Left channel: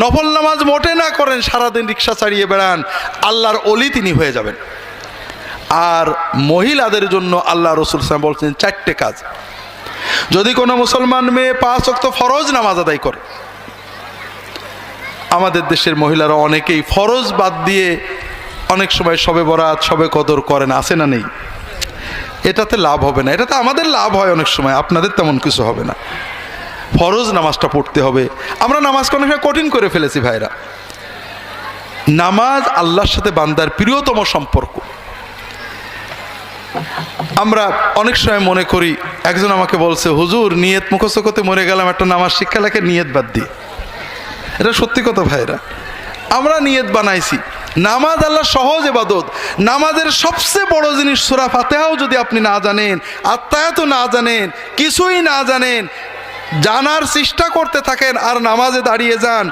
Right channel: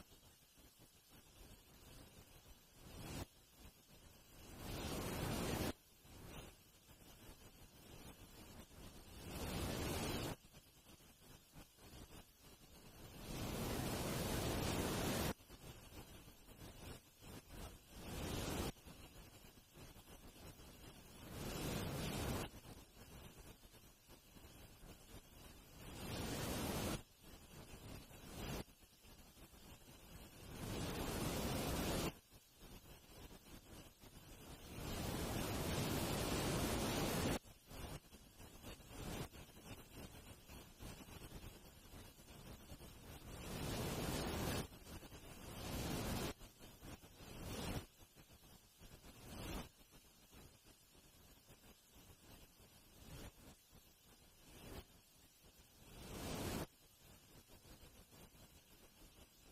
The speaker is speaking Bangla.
নফল নামাজ মোটে না করেন, সারাদিন রিক্সা চালিয়ে বেড়ান, আল্লাহর অলি তিনি হয়ে যাবেন। আর মহিলাদের জন্য আল্লাহ রাসূল সাল্লাল্লাহু আলাইহি ওয়াসাল্লাম বলছেন 4টে কাজ। যদি কোনো মুসলমান মেয়ে 5 ওয়াক্ত ফরজ নামাজ আদায় করে, আমাদের দেশের মহিলারা অনেকেই ফরজ বাদ দিয়ে অনেক সময় শবে বরাত, শবে কদর করেন, আছে না নেই? এটাতে লাভ হবে না, এটাতে আমাদের লাভ হয় অনেক সময়, আপনাদের তেমন কিছু হবে না। ফরজ নামাজটা পড়তে হবে। আমরা নামাজকে অনেক সময় কঠিন করে ফেলেছি ভাইরা। নামাজ আল্লাহর সাথে বান্দার প্রিয়তম সম্পর্ক। আমরা অনেক সময় মনে করি, একজন আমাকে বলছে, হুজুর নিয়ত মুখস্থ করতে মরে গেলাম, একটা নামাজ শিক্ষা লেখে নিয়ত বাদ দিয়ে। এটা সত্যি কথা ভাইরা, আমরা নিয়ত বানাইছি। নামাজ আল্লাহ সহজ ইবাদত। নামাজের সবচেয়ে বড় জিনিস সূরা ফাতিহাও যদি আপনি না জানেন, আত্তায়াতও না জানেন, কিছুই না জানেন, জানার চেষ্টা করতে থাকেন আর নামাজে দাঁড়িয়ে যান,